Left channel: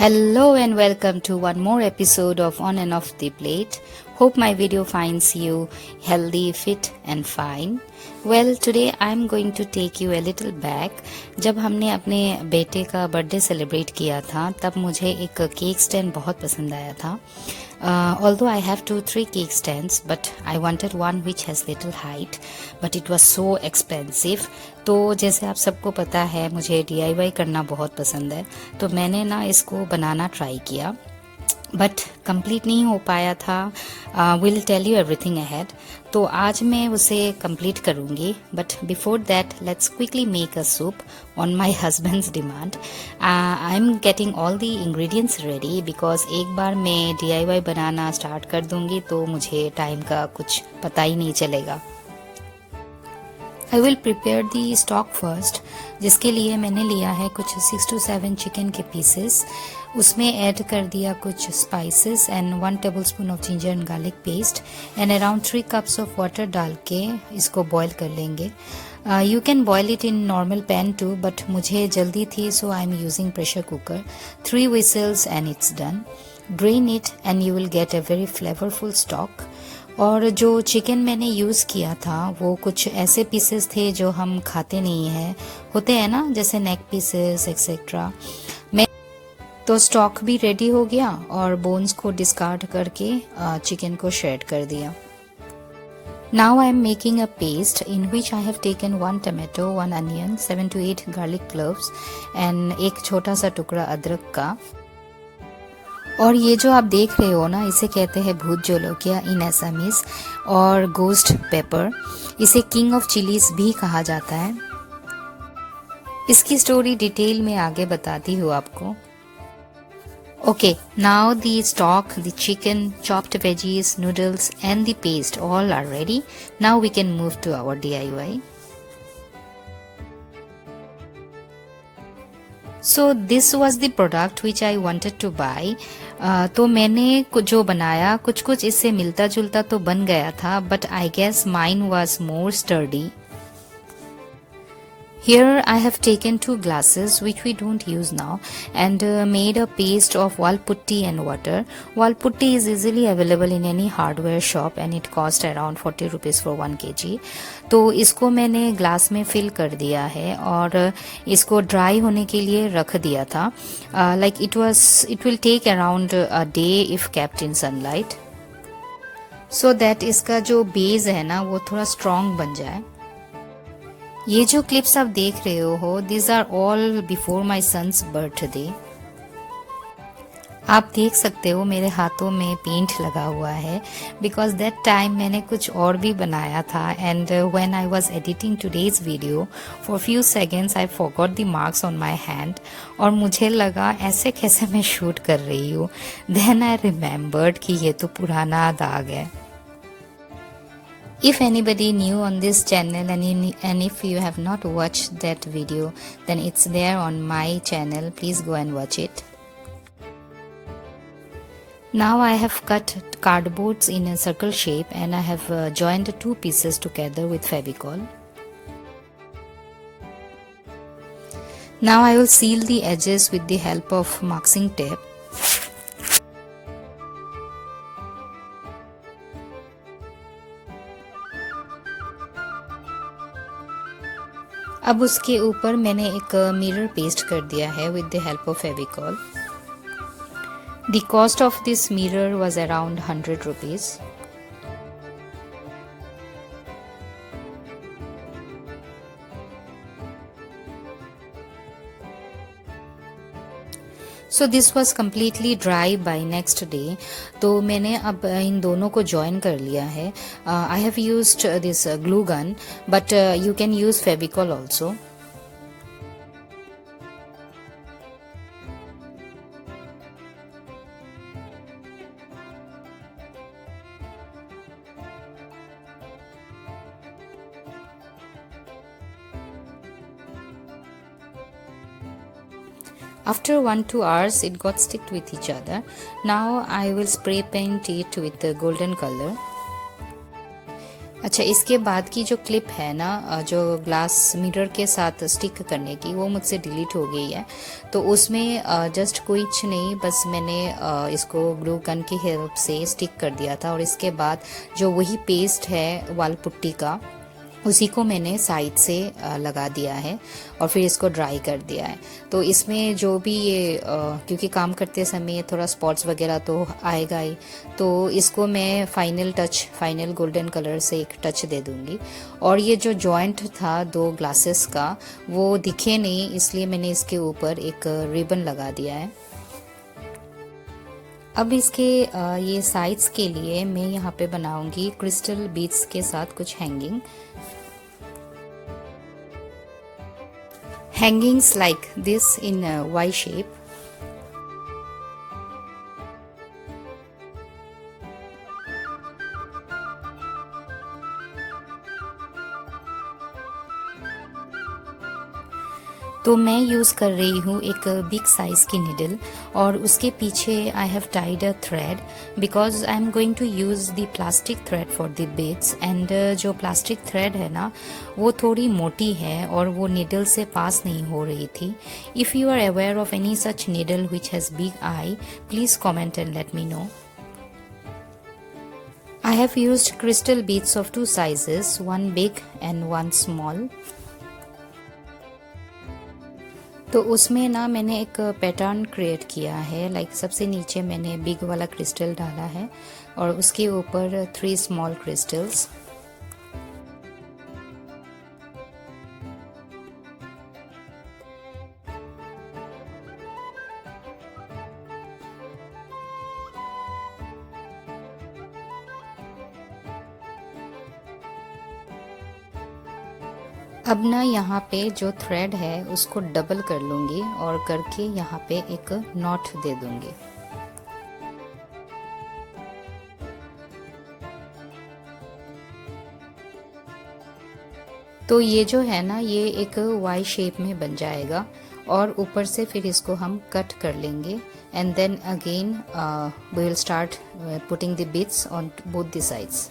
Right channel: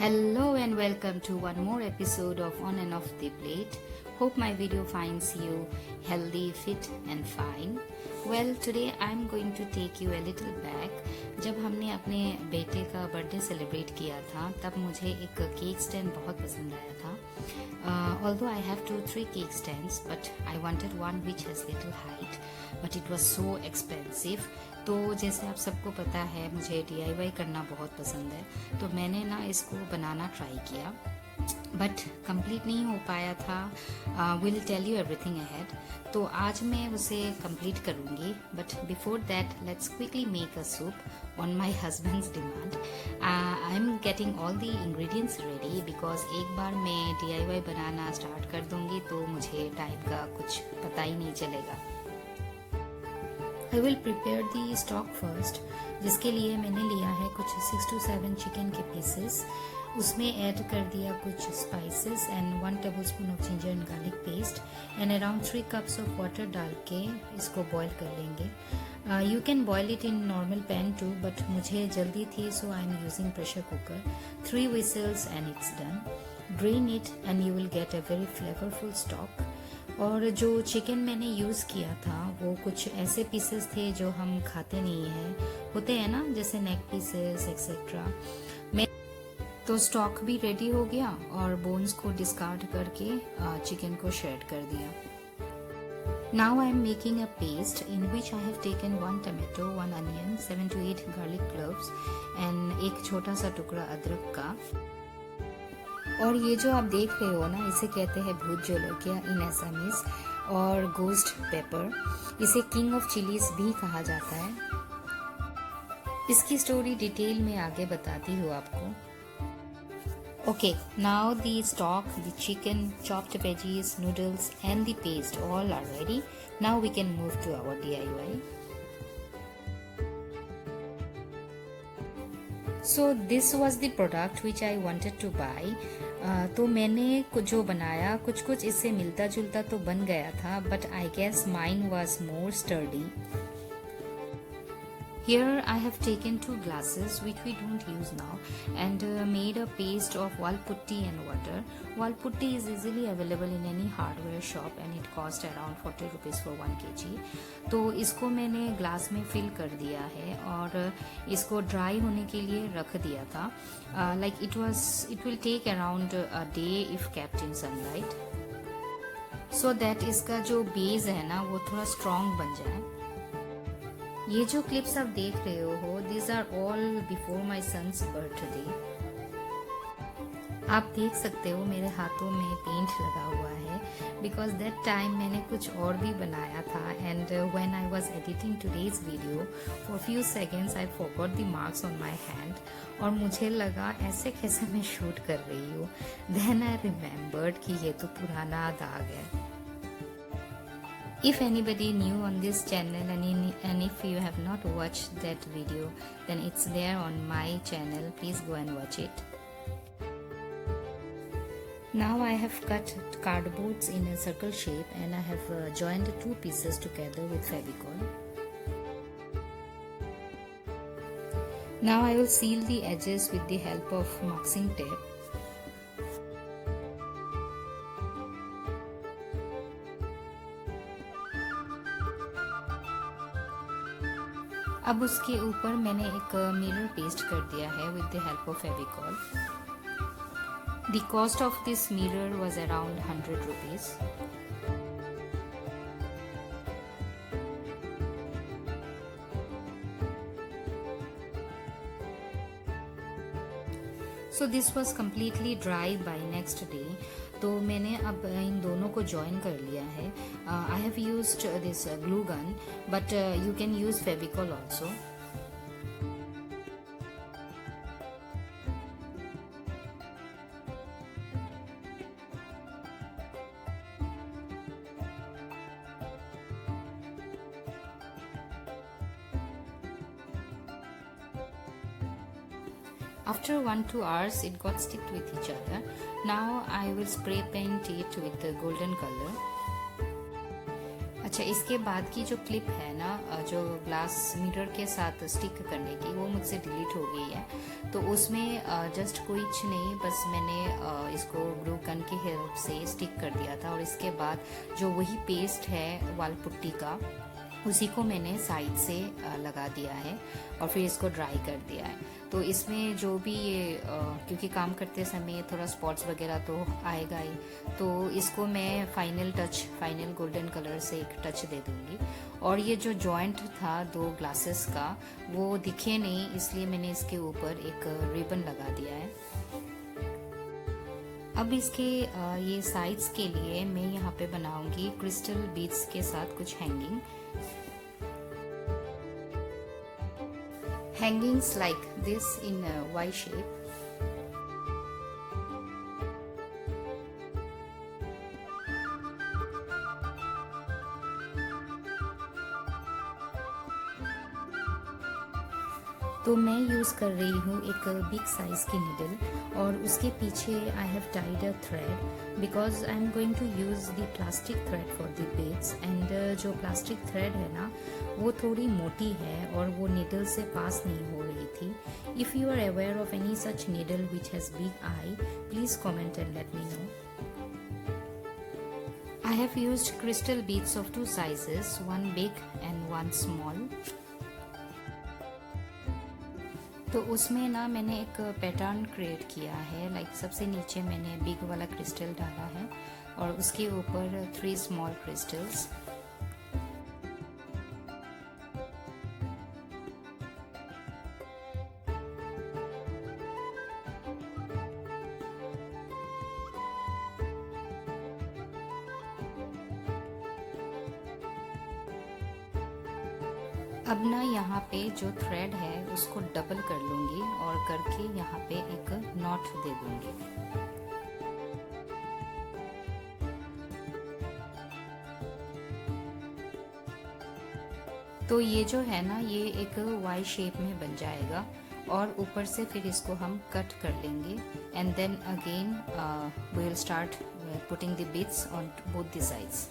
Hello and welcome to one more episode of On and Off the Plate. Hope my video finds you healthy, fit and fine. Well, today I'm going to take you a little back. जब हमने अपने बेटे का birthday celebrate किया था तब मुझे एक केक स्टैंड बहुत पसंद आया था. Although I have 2-3 cake stands, but I wanted one which has little height, but it was so expensive. तो जैसे आप सबको पता है मुझे DIY करना बहुत पसंद है, तो मैंने ना इसको बनाना ट्राई किया बट कंप्लीट नहीं हो पाया था. Will tell you everything ahead. तो आज मैं उसे कंप्लीट करूँगी but before that let's quickly make a soup on my husband's demand. I am getting all the ingredients ready because एक बार मैं DIY बनाना स्टार्ट कर दूँगी तो मुझे टाइम का कुछ पता ही नहीं चलेगा. I will prepare the stock first, जिसके लिए मैंने लिया है कुछ 6 to 7 चिकन के पीसेस. उसमें ऐड कर दिया कुछ spices and 1 tablespoon of ginger and garlic paste and around 3 cups of water डाल के इसको बॉईल कर लेंगे. You can boil it in normal pan too but मुझे जल्दी थी so I am using pressure cooker. 3 whistles and it's done. Drain it and you will get a very flavourful stock. और जो चिकन मैंने यूज़ किया था वो कुछ ऐसे पीसेस थे जो हम खाते नहीं हैं, होते हैं ना, जैसे नेक पीसेस एक्सेट्रा. मैं तो स्टॉक भी रेडी हो गया और बोन्स को डिस्कार्ड करके चिकन को श्रेड कर दिया. Now I am making a paste in which I have taken 1 tomato, 1 onion, 7 to 8 garlic cloves and एक छोटा सा टुकड़ा अदरक का. और ये जो आप देख रहे हो ना, इसे कहते हैं भूत जोलोकिया इन असमीज और गोस्ट पेपर. इसे किंग ऑफ चिलीज भी कहा जाता है. इसकी स्टोरी डिटेल में आगे बताती हूँ आपको. Okay, now the stock, the chicken, chopped veggies, noodles and the paste all are ready. Now we can move to our DIY. So this was the product which I wanted to buy. तो मैंने जो बनाया कुछ इससे मिलता जुलता तो बन गया था but I guess mine was more sturdy. Here I have taken 2 glasses which we don't use now and made a paste of wall putty and water. Wall putty is easily available in any hardware shop and it cost around 40 rupees for 1 kg. तो इसको मैंने ग्लास में फिल कर दिया है और इसको ड्राई होने के लिए रख दिया था. Like it will take around a day if kept in sunlight so that इसका जो बेस है ना वो थोड़ा स्ट्रॉन्ग बन जाए. ये जो क्लिप्स आप देख रहे हो this are all before my son's birthday. आप देख सकते हो मेरे हाथों में पेंट लगा हुआ है बिकॉज दैट टाइम मैंने कुछ और भी बनाया था and when I was editing today's video for few seconds I forgot the marks on my hand और मुझे लगा ऐसे कैसे मैं शूट कर रही हूँ. देन आई रिमेम्बर्ड कि ये तो पुराना दाग है. If anybody new on this channel and if you have not watched that video, then it's there on my channel. Please go and watch it. Now I have cut cardboards in a circle shape and I have joined 2 pieces together with Fevicol. Now I will seal the edges with the help of masking tape. अब उसके ऊपर मैंने एक mirror paste कर दिया है with the help of Fevicol. The cost of this mirror was around 100 rupees. So this was completely dry by next day. तो मैंने अब इन दोनों को ज्वाइन कर लिया है. I have used this glue gun but you can use Fevicol also. After 1-2 hours it got sticked with each other. Now I will spray paint it with the golden color. अच्छा, इसके बाद की जो क्लिप है ना, जो ग्लास मिरर के साथ स्टिक करने की, वो मुझसे डिलीट हो गई है। तो उसमें जस्ट कुछ नहीं, बस मैंने इसको ग्लू गन की हेल्प से स्टिक कर दिया था। और इसके बाद जो वही पेस्ट है वाल पुट्टी का, उसी को मैंने साइड से लगा दिया है और फिर इसको ड्राई कर दिया है। तो इसमें जो भी ये क्योंकि काम करते समय थोड़ा स्पॉट्स वगैरह तो आएगा ही, तो इसको मैं फाइनल गोल्डन कलर से एक टच दे दूँगी। और ये जो जॉइंट था दो ग्लासेस का, वो दिखे नहीं, इसलिए मैंने इसके ऊपर एक रिबन लगा दिया है। अब इसके ये साइड्स के लिए मैं यहाँ पे बनाऊंगी क्रिस्टल बीड्स के साथ कुछ hangings like this in a Y shape. तो मैं यूज़ कर रही हूँ एक बिग साइज़ की निडल, और उसके पीछे I have tied a thread because I am going to use the plastic thread for the beads. And जो प्लास्टिक थ्रेड है ना, वो थोड़ी मोटी है और वो निडल से पास नहीं हो रही थी। If you are aware of any such needle which has big eye, please comment and let me know. I have used crystal beads of two sizes, one big and one small. तो उसमें ना मैंने एक pattern create किया है। लाइक सबसे नीचे मैंने बिग वाला क्रिस्टल डाला है और उसके ऊपर 3 स्मॉल क्रिस्टल्स। अब ना यहाँ पे जो थ्रेड है उसको डबल कर लूँगी और करके यहाँ पे एक नॉट दे दूँगी। तो ये जो है ना, ये एक वाई शेप में बन जाएगा और ऊपर से फिर इसको हम कट कर लेंगे। And then again we will start putting the beads on both the sides.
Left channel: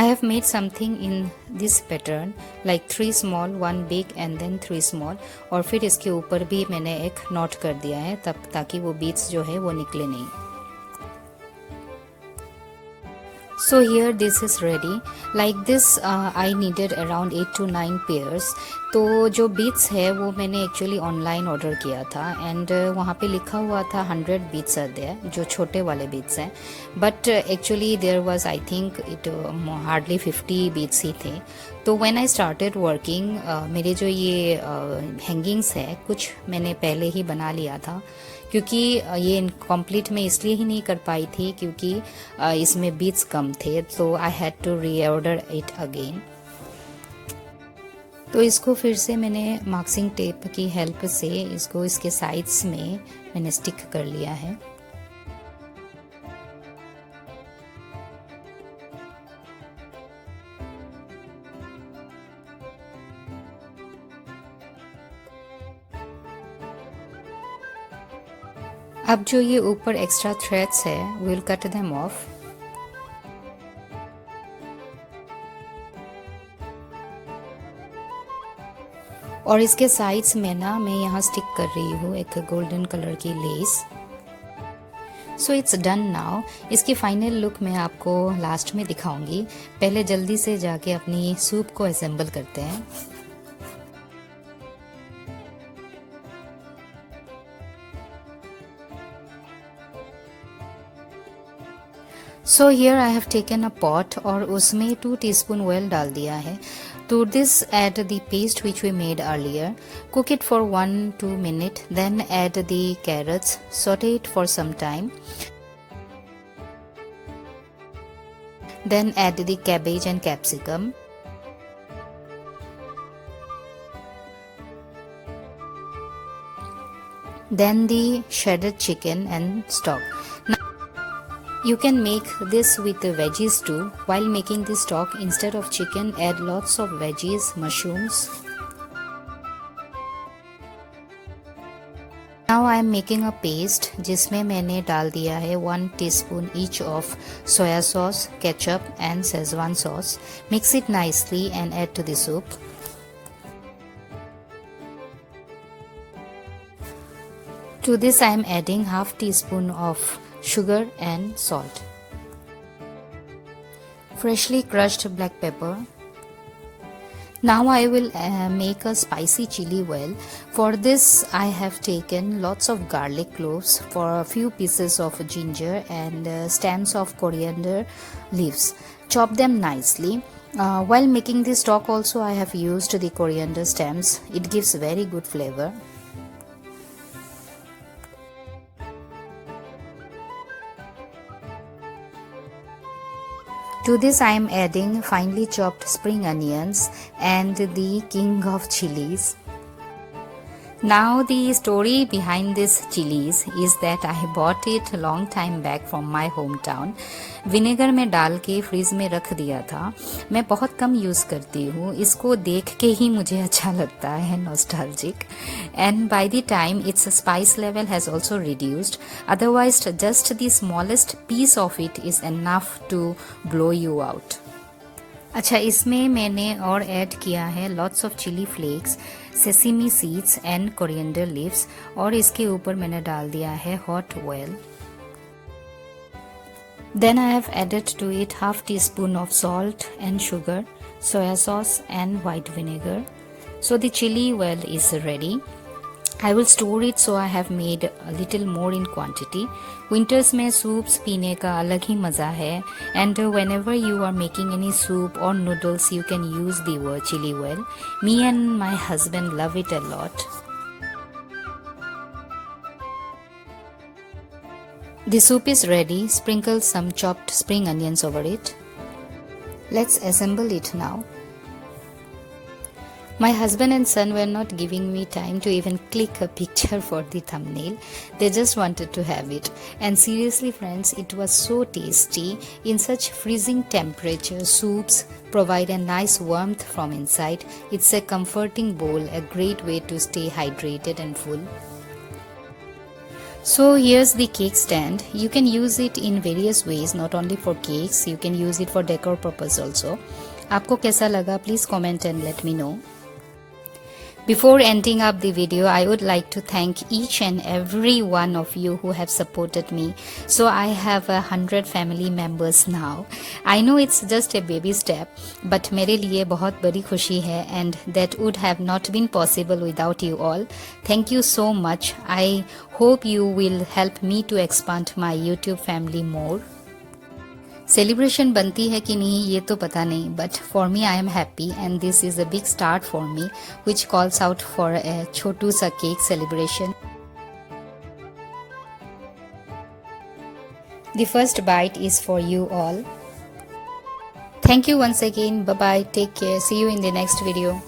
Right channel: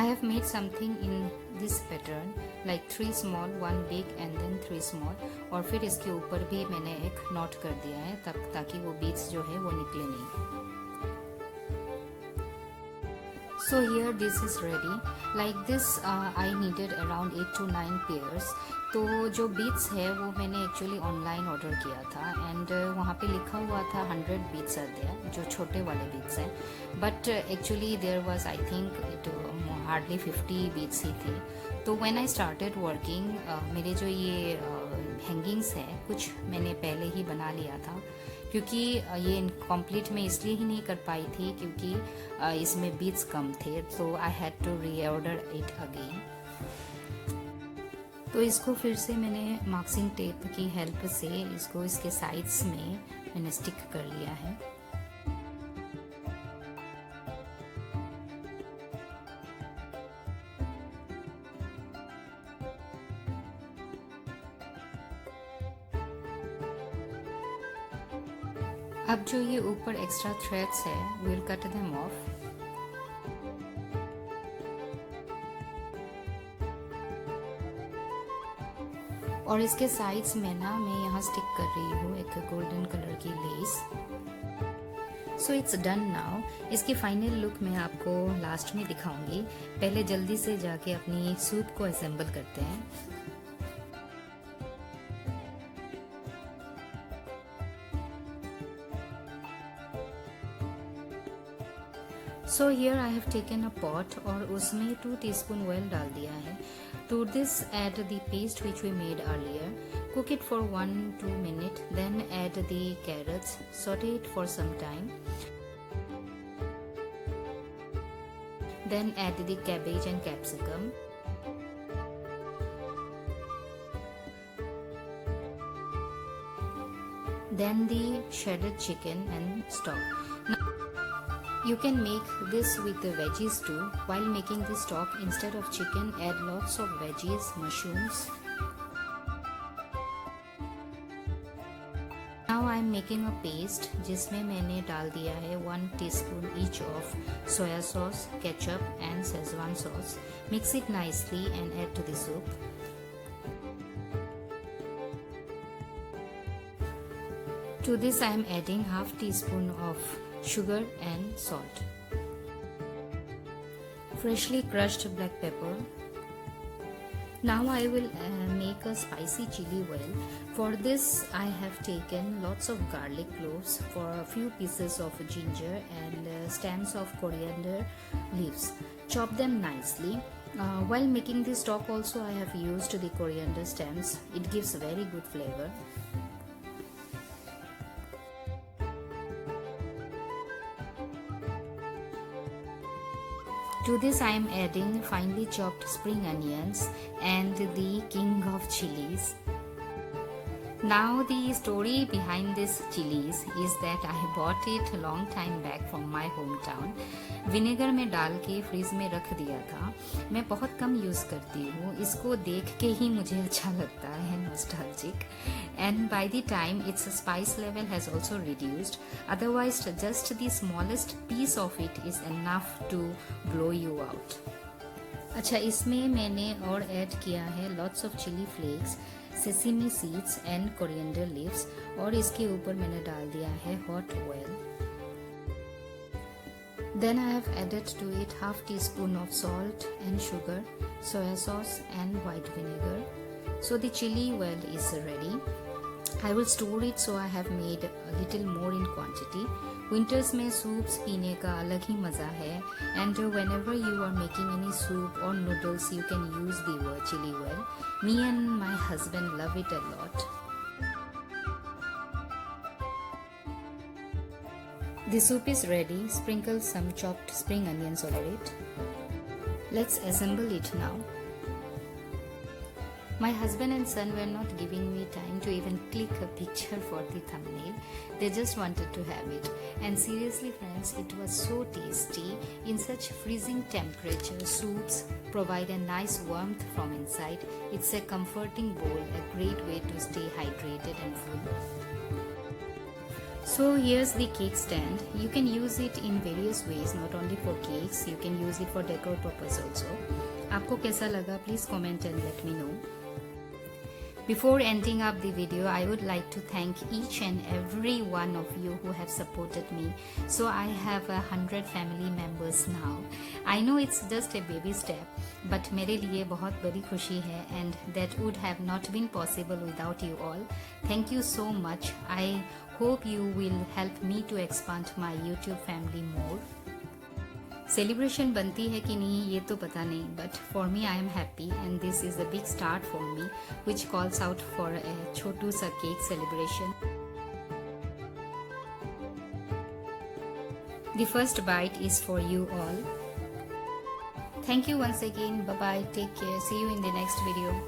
I have made something in this pattern like 3 small, 1 big and then 3 small, और फिर इसके ऊपर भी मैंने एक नॉट कर दिया है तब ताकि वो बीड्स जो है वो निकले नहीं। So here this is ready. Like this I needed around 8 to 9 pairs. तो जो बीड्स है वो मैंने एक्चुअली ऑनलाइन ऑर्डर किया था एंड वहाँ पे लिखा हुआ था 100 बीड्स आर देयर, जो छोटे वाले बीड्स हैं। But actually there was I think it hardly 50 beads ही थे। तो व्हेन आई स्टार्टेड वर्किंग, मेरे जो ये हैंगिंग्स है कुछ मैंने पहले ही बना लिया था, क्योंकि ये इनकम्प्लीट मैं इसलिए ही नहीं कर पाई थी क्योंकि इसमें बीड्स कम थे, तो I had to reorder it again. तो इसको फिर से मैंने मार्किंग टेप की हेल्प से इसको इसके साइड्स में मैंने स्टिक कर लिया है। अब जो ये ऊपर एक्स्ट्रा थ्रेड्स है, we will cut them off. और इसके साइड्स में ना मैं यहाँ स्टिक कर रही हूँ एक गोल्डन कलर की less. So it's done now. इसकी फाइनल लुक मैं आपको लास्ट में दिखाऊंगी। पहले जल्दी से जाके अपनी सूप को असेंबल करते हैं। So here I have taken a pot और उसमें 2 टीस्पून ऑयल डाल दिया है। To this add the paste which we made earlier. Cook it for 1-2 minutes, then add the carrots, saute it for some time. Then add the cabbage and capsicum. Then the shredded chicken and stock. You can make this with the veggies too. While making the stock, instead of chicken, add lots of veggies, mushrooms. Now I am making a paste जिसमें मैंने डाल दिया है 1 teaspoon each of soya sauce, ketchup and schezwan sauce. Mix it nicely and add to the soup. To this I am adding half teaspoon of sugar and salt. Freshly crushed black pepper. Now I will make a spicy chili well. For this I have taken lots of garlic cloves, for a few pieces of ginger and stems of coriander leaves. Chop them nicely. While making the stock also I have used the coriander stems. It gives very good flavor. To this I am adding finely chopped spring onions and the king of chilies. Now the story behind this chilies is that I bought it a long time back from my hometown. Vinegar में डाल के फ्रीज में रख दिया था. मैं बहुत कम यूज़ करती हूँ, इसको देख के ही मुझे अच्छा लगता है, nostalgic. And by the time its spice level has also reduced, otherwise just the smallest piece of it is enough to blow you out. अच्छा, इसमें मैंने और ऐड किया है lots of chili flakes, sesame seeds and coriander leaves, और इसके ऊपर मैंने डाल दिया है hot oil. Then I have added to it half teaspoon of salt and sugar, soya sauce and white vinegar. So the chili well is ready. I will store it, so I have made a little more in quantity. Winters में soups पीने का अलग ही मज़ा है, and whenever you are making any soup or noodles you can use the word chili well. Me and my husband love it a lot. The soup is ready. Sprinkle some chopped spring onions over it. Let's assemble it now. My husband and son were not giving me time to even click a picture for the thumbnail. They just wanted to have it. And seriously friends, it was so tasty. In such freezing temperature, soups provide a nice warmth from inside. It's a comforting bowl, a great way to stay hydrated and full. So here's the cake stand. You can use it in various ways, not only for cakes, you can use it for decor purpose also. आपको कैसा लगा? Please comment and let me know. Before ending up the video, I would like to thank each and every one of you who have supported me. So I have 100 family members now. I know it's just a baby step, but मेरे लिए बहुत बड़ी खुशी है, and that would have not been possible without you all. Thank you so much. I hope you will help me to expand my YouTube family more. Celebration बनती है कि नहीं ये तो पता नहीं, but for me I am happy and this is a big start for me which calls out for a छोटू सा cake celebration. The first bite is for you all. Thank you once again. Bye bye. Take care. See you in the next video.